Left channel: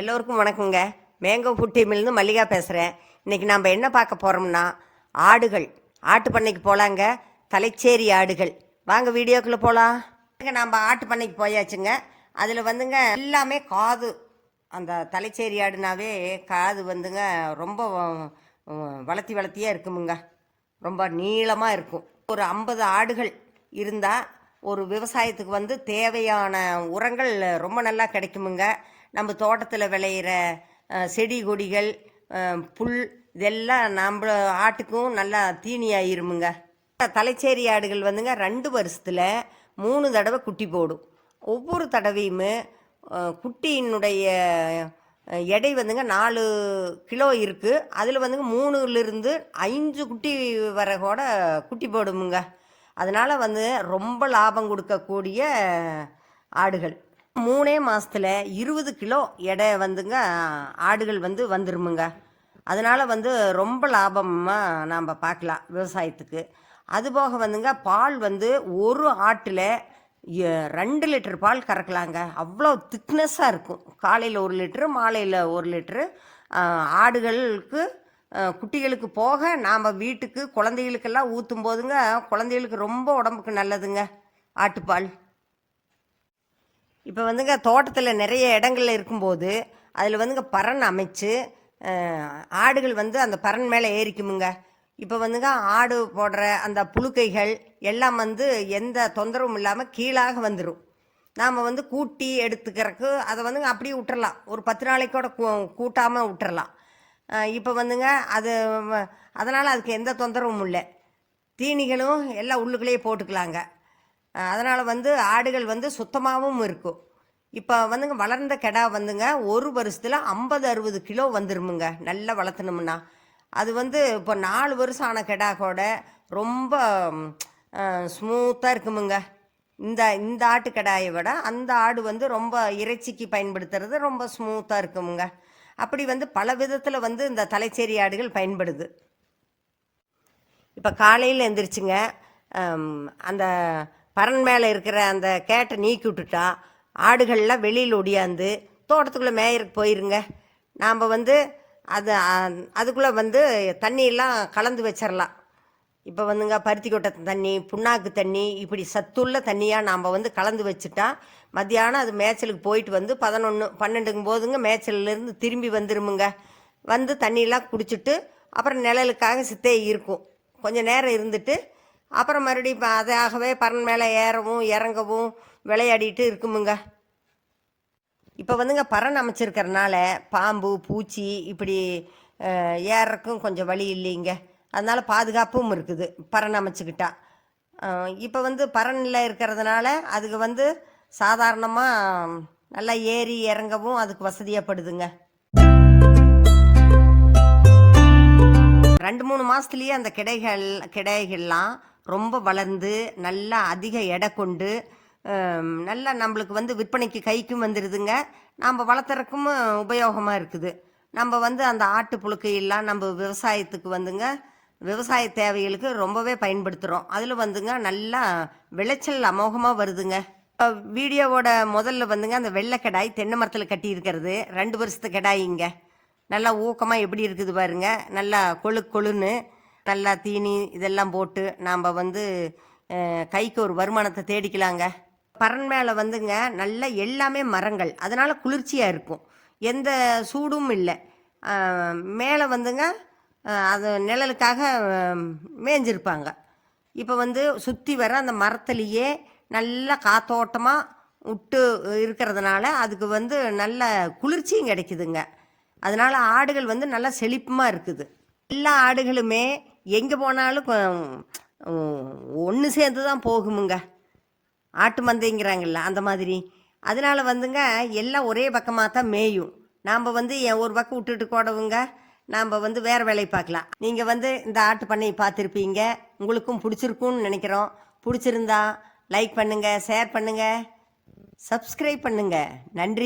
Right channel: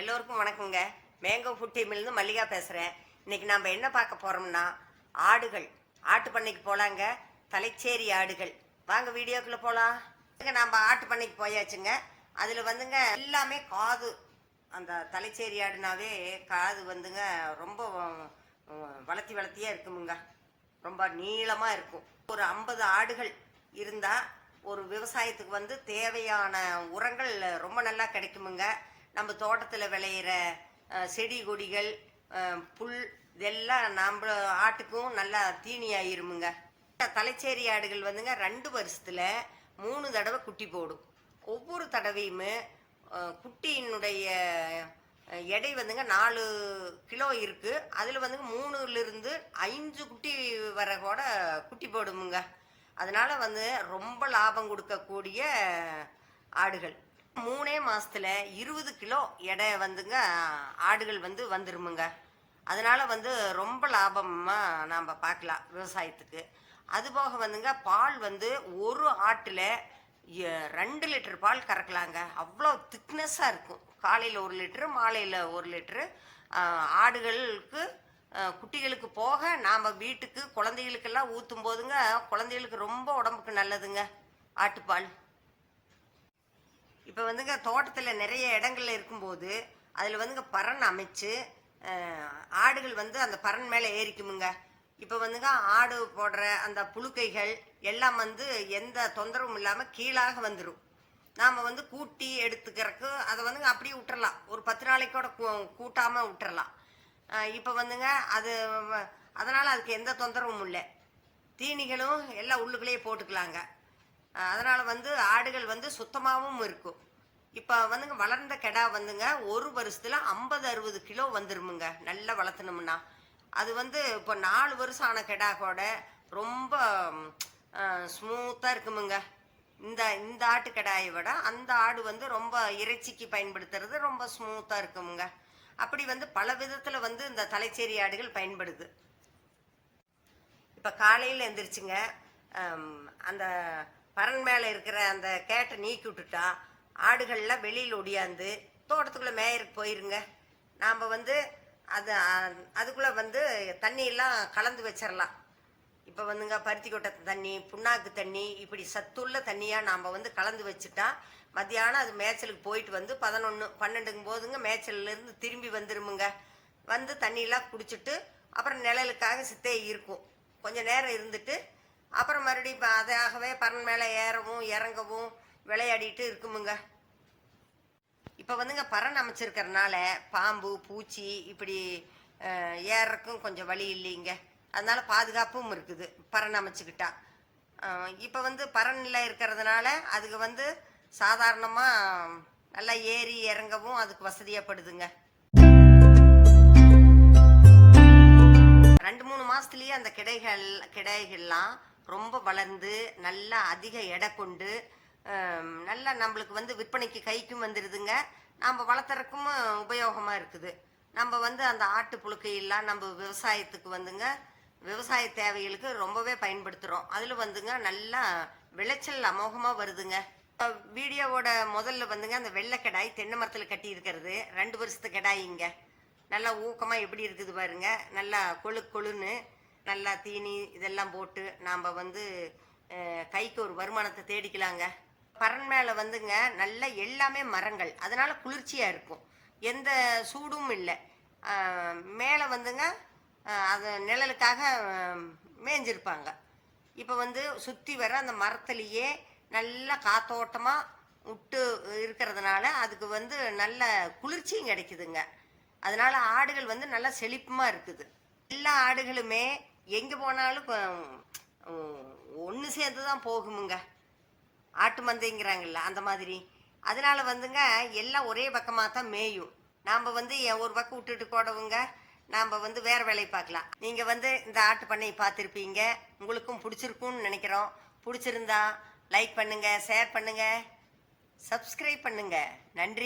எல்லோருக்கும் வணக்கங்க. Mango food டீம்லேருந்து Mallika பேசுகிறேன். இன்றைக்கி நம்ம என்ன பார்க்க போகிறோம்னா ஆடுகள். ஆட்டு பண்ணைக்கு போகலாங்க. தலைச்சேரி ஆடுகள். வாங்க வீடியோக்குள்ளே போகலாம். நம்ம ஆட்டு பண்ணைக்கு போயாச்சுங்க. அதில் வந்துங்க எல்லாமே காது. அந்த தலைச்சேரி ஆடுனாவே காது வந்துங்க ரொம்ப வளர்த்தியாக இருக்குமுங்க. ரொம்ப நீளமாக இருக்கும். ஒரு 50 ஆடுகள் இருந்தால் ஒரு விவசாயத்துக்கு வந்து தேவையான உரங்கள் ரொம்ப நல்லா கிடைக்குமுங்க. நம்ம தோட்டத்தில் விளையிற செடி கொடிகள், புல் இதெல்லாம் நம்ம ஆட்டுக்கும் நல்லா தீனி ஆயிருமுங்க. தலைச்சேரி ஆடுகள் வந்துங்க 2 வருஷத்தில் 3 தடவை குட்டி போடும். ஒவ்வொரு தடவையுமே குட்டியினுடைய எடை வந்துங்க 4 கிலோ இருக்குது. அதில் வந்துங்க 3லிருந்து 5 குட்டி வர கூட குட்டி போடுமுங்க. அதனால் வந்து ரொம்ப லாபம் கொடுக்கக்கூடிய ஆடுகள். 3 மாதத்தில் 20 கிலோ எடை வந்துங்க ஆடுகள் வந்து வந்துருமுங்க. அதனால் வந்து ரொம்ப லாபமாக நாம் பார்க்கலாம் விவசாயத்துக்கு. அதுபோக வந்துங்க பால் வந்து ஒரு ஆட்டில் 2 லிட்டர் பால் கறக்கலாங்க. அவ்வளோ திக்னஸ்ஸாக இருக்கும். காலையில் 1 லிட்ரு, மாலையில் 1 லிட்ரு. ஆடுகளுக்கு குட்டிகளுக்கு போக நாம் வீட்டுக்கு குழந்தைகளுக்கெல்லாம் ஊற்றும் போதுங்க குழந்தைகளுக்கு ரொம்ப உடம்புக்கு நல்லதுங்க ஆட்டுப்பால். இப்போ வந்துங்க தோட்டத்தில் நிறைய இடங்கள்ல இருக்கும்போது அதில் வந்துங்க பரண் அமைச்சு ஆடுகள் வந்து அந்த பரண் மேலே ஏறிக்குமுங்க. இப்போ வந்துங்க ஆடு போடுற அந்த புழுக்கைகள் எல்லாம் வந்து எந்த தொந்தரவும் இல்லாமல் கீழாக வந்துடும். நாம் வந்து கூட்டி எடுத்துக்கிறதுக்கு அதை வந்துங்க அப்படியே விட்டுறலாம். ஒரு 10 நாளைக்கு கூட கூட்டாமல் விட்டுறலாம். இப்போ வந்துங்க அது அதனால் அதுக்கு எந்த தொந்தரவும் இல்லை. தீனிகளும் எல்லாம் உள்ளுக்குள்ளேயே போட்டுக்கலாங்க. அதனால் வந்து ஆடுகள் வந்து சுத்தமாகவும் இருக்கும். இப்போ வந்துங்க வளர்ந்த கெடா வந்துங்க ஒரு வருஷத்தில் 50-60 கிலோ வந்துருமுங்க. நல்லா வளர்த்தணும்னா அது வந்து இப்போ 4 வருஷம் ஆன கெடா கூட ரொம்ப ஸ்மூத்தாக இருக்குமுங்க. இந்த ஆட்டு கெடாயை விட அந்த ஆடு வந்து ரொம்ப இறைச்சிக்கு பயன்படுத்துறது ரொம்ப ஸ்மூத்தாக இருக்குமுங்க. அப்படி வந்து பல விதத்தில் வந்து இந்த தலைச்சேரி ஆடுகள் பயன்படுது. இப்போ காலையில் எழுந்திரிச்சுங்க அந்த பரண் மேலே இருக்கிற அந்த கேட்டை நீக்கி விட்டுட்டா ஆடுகள்லாம் வெளியில் ஒடியாந்து தோட்டத்துக்குள்ளே மேயருக்கு போயிருங்க. நாம் வந்து அதுக்குள்ளே வந்து தண்ணியெல்லாம் கலந்து வச்சிடலாம். இப்போ வந்துங்க பருத்தி கொட்டை தண்ணி, புண்ணாக்கு தண்ணி, இப்படி சத்துள்ள தண்ணியாக நாம் வந்து கலந்து வச்சுட்டா மத்தியானம் அது மேய்ச்சலுக்கு போயிட்டு வந்து 11-12 போதுங்க மேய்ச்சல்லேருந்து திரும்பி வந்துருமுங்க. வந்து தண்ணியெல்லாம் குடிச்சிட்டு அப்புறம் நிழலுக்காக சித்தே இருக்கும். கொஞ்சம் நேரம் இருந்துட்டு அப்புறம் மறுபடியும் அதாகவே பறன் மேலே ஏறவும் இறங்கவும் விளையாடிட்டு இருக்குமுங்க. இப்போ வந்துங்க பறன் அமைச்சிருக்கிறதுனால பாம்பு பூச்சி இப்படி ஏறக்கும் கொஞ்சம் வழி இல்லைங்க. அதனால் பாதுகாப்பும் இருக்குது பறன் அமைச்சிக்கிட்டா. இப்போ வந்து பறனில் இருக்கிறதுனால அதுக்கு வந்து சாதாரணமாக நல்லா ஏறி இறங்கவும் அதுக்கு வசதியாகப்படுதுங்க. 2-3 மாதத்துலேயே அந்த கிடைகள்லாம் ரொம்ப வளர்ந்து நல்லா அதிக எடை கொண்டு நல்லா நம்மளுக்கு வந்து விற்பனைக்கு கைக்கும் வந்துடுதுங்க. நம்ம வளர்த்துறக்கும் உபயோகமாக இருக்குது. நம்ம வந்து அந்த ஆட்டு புழுக்கையெல்லாம் நம்ம விவசாயத்துக்கு வந்துங்க விவசாய தேவைகளுக்கு ரொம்பவே பயன்படுத்துகிறோம். அதில் வந்துங்க நல்லா விளைச்சல் அமோகமாக வருதுங்க. வீடியோவோட முதல்ல வந்துங்க அந்த வெள்ளை கெடாய் தென்னை மரத்தில் கட்டி இருக்கிறது 2 வருஷத்து கெடாயிங்க. நல்லா ஊக்கமாக எப்படி இருக்குது பாருங்க. நல்லா கொழுன்னு நல்லா தீனி இதெல்லாம் போட்டு நாம் வந்து கைக்கு ஒரு வருமானத்தை தேடிக்கலாங்க. பறன் மேலே வந்துங்க நல்லா எல்லாமே மரங்கள், அதனால் குளிர்ச்சியாக இருக்கும். எந்த சூடும் இல்லை. மேலே வந்துங்க அது நிழலுக்காக மேய்ஞ்சிருப்பாங்க. இப்போ வந்து சுற்றி வர அந்த மரத்துலேயே நல்லா காத்தோட்டமாக விட்டு இருக்கிறதுனால அதுக்கு வந்து நல்ல குளிர்ச்சியும் கிடைக்குதுங்க. அதனால் ஆடுகள் வந்து நல்லா செழிப்புமாக இருக்குது. எல்லா ஆடுகளுமே எங்கே போனாலும் ஒன்று சேர்ந்து தான் போகுமுங்க. ஆட்டு மந்தைங்கிறாங்கல்ல அந்த மாதிரி. அதனால் வந்துங்க எல்லாம் ஒரே பக்கமாக தான் மேயும். நாம் வந்து ஒரு பக்கம் விட்டுட்டு கூடவுங்க நாம் வந்து வேறு வேலையை பார்க்கலாம். நீங்கள் வந்து இந்த ஆட்டு பண்ணையை பார்த்துருப்பீங்க. உங்களுக்கும் பிடிச்சிருக்குன்னு நினைக்கிறோம். பிடிச்சிருந்தா லைக் பண்ணுங்கள், ஷேர் பண்ணுங்கள், சப்ஸ்கிரைப் பண்ணுங்கள். நன்றி.